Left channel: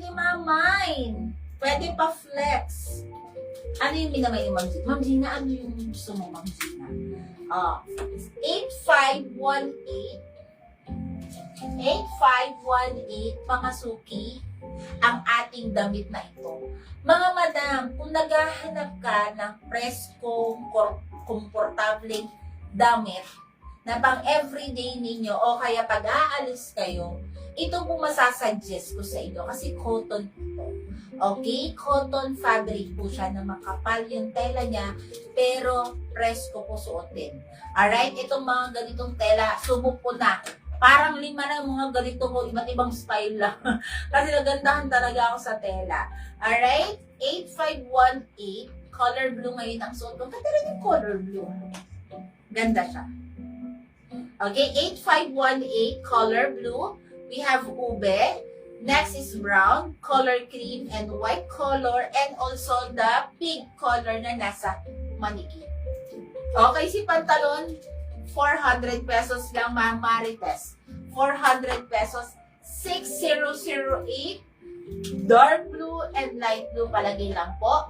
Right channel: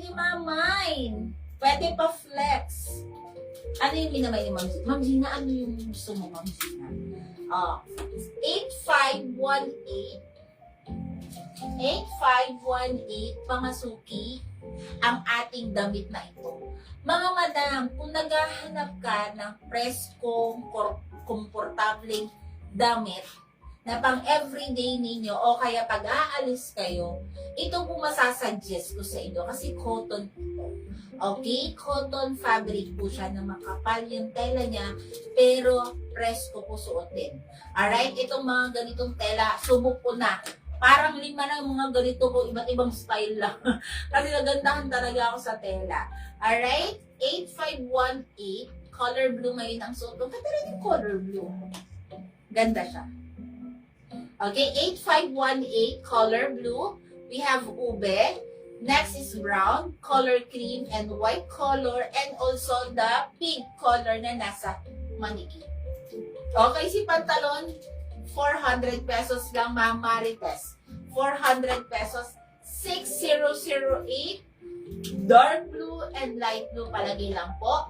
ni Mamay. Pwede pa flex. Ano yung minamay ni Ma'am Gina? Ma'am Gina, ano yung gusto mo, Ma'am Gina? 8518. 8518, pangasuki ang ating damit na ito. Mga madam, kung naghahanap ka ng preskong, komportableng damit na pang everyday ninyo o kaya pag aalis kayo, ito po masasuggest ko sa inyo kasi cotton po. Okay? Cotton fabric po siya na makapal yung tela niya pero presko po suotin. Alright? Itong mga ganitong tela, subok ko na. Parang 5 na mga ganito ko, iba't ibang style lang. Kasi nagandahan talaga ako sa tela. Alright? 8518. Color blue ngayon ang suot ko. Ganda rin yung color blue. Ganda siya. Okay, 8518. Color blue. We have ube. Next is brown, color cream, and white color. And also the pink color na nasa maniki. Okay, si pantalon. 400 pesos lang, Ma'am Marites. 400 pesos. 6008. Dark blue and light blue palagi lang po.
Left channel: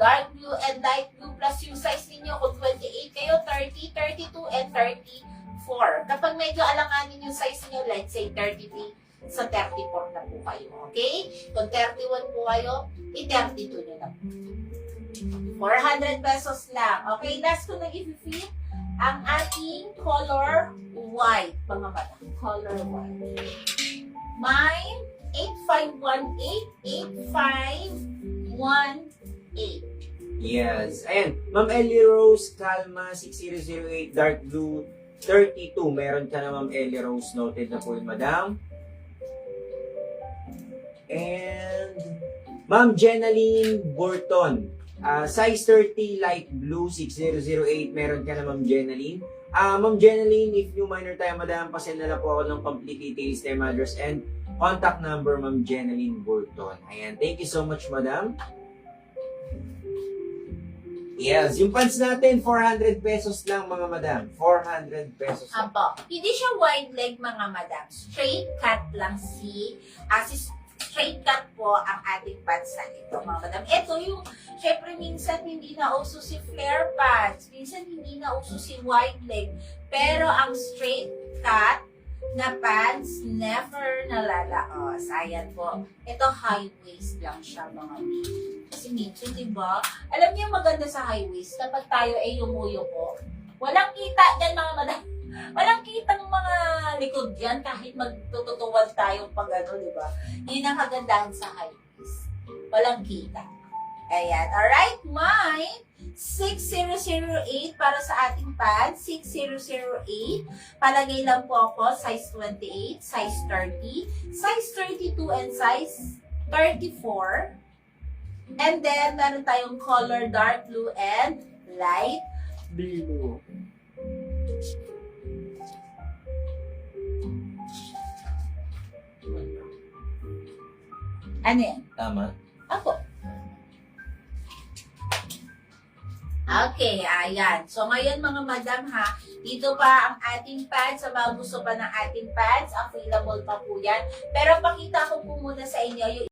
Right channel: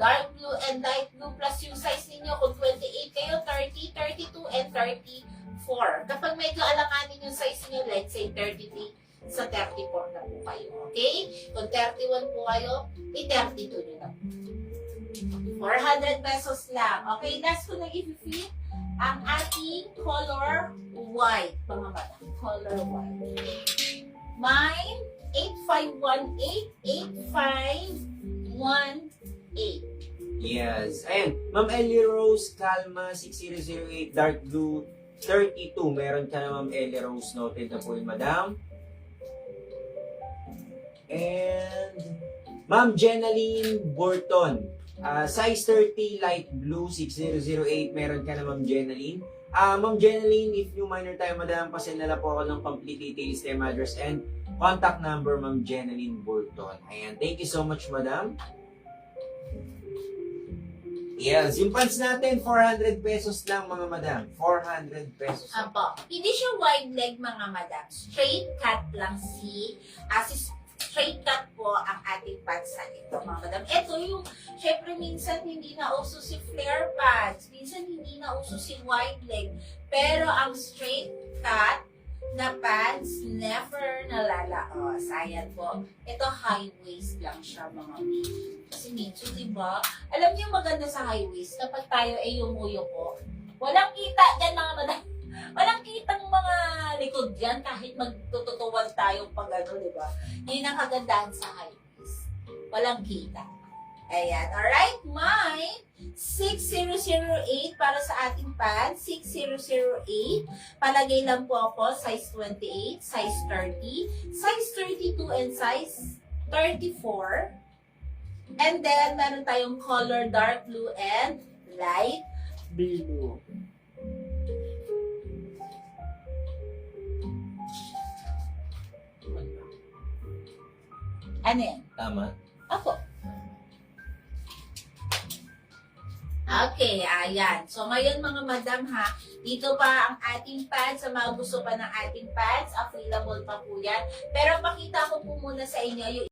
Dark blue and light blue plus yung size ninyo kung 28 kayo, 30, 32, and 34. Kapag medyo alanganin yung size niyo, let's say 33, sa 34 na po kayo. Okay? Kung 31 po kayo, i-32 nyo na po. 400 pesos lang. Okay, last ko na i-feel ang ating color white, mga bata. Color white. Mine, 8518-8518. Yes. Ayan. Ma'am Ellie Rose, Calma, 6008, dark blue, 32. Meron ka na, Ma'am Ellie Rose. Noted na po yun, madam. And Ma'am Jenaline Burton, size 30, light blue, 6008. Meron ka na, Ma'am Jenaline. Ma'am Jenaline, if new minor tayo, madam, pasend na lang po ako ng complete details, name, address, and contact number, Ma'am Jenaline Burton. Ayan. Thank you so much, madam. Yes, yung pants natin, 400 pesos lang, mga madam. 400 pesos lang. Apo. Hindi siya wide leg, mga madam. Straight cut lang straight cut po ang ating pants na ito, mga madam. Ito yung, syempre minsan hindi na uso si flare pants. Minsan hindi na uso si wide leg. Pero ang straight cut na pants, never nalalaos. Ayan po. Ito high waist lang siya, mga madam. Kasi minsan, diba? Alam niyo maganda sa high waist, kapag tayo ay yumuyo po, walang kita dyan, mga madam. Walang kitang mga likod yan kahit magtututuwal tayo pag ano, di ba? Yun ang kagandahan sa high waist. Walang kita. Ayan. Alright, my 6008 para sa ating pants. 6008. Palagay lang po ako, size 28, size 30, size 32, and size 34. And then, meron tayong color dark blue and light blue. Ano yan? Tama. Ako. Okay, ayan. So, ngayon mga madam ha, dito pa ang ating pants. Sa mga gusto pa ng ating pants, available pa po yan. Pero pakita ko po muna sa inyo yung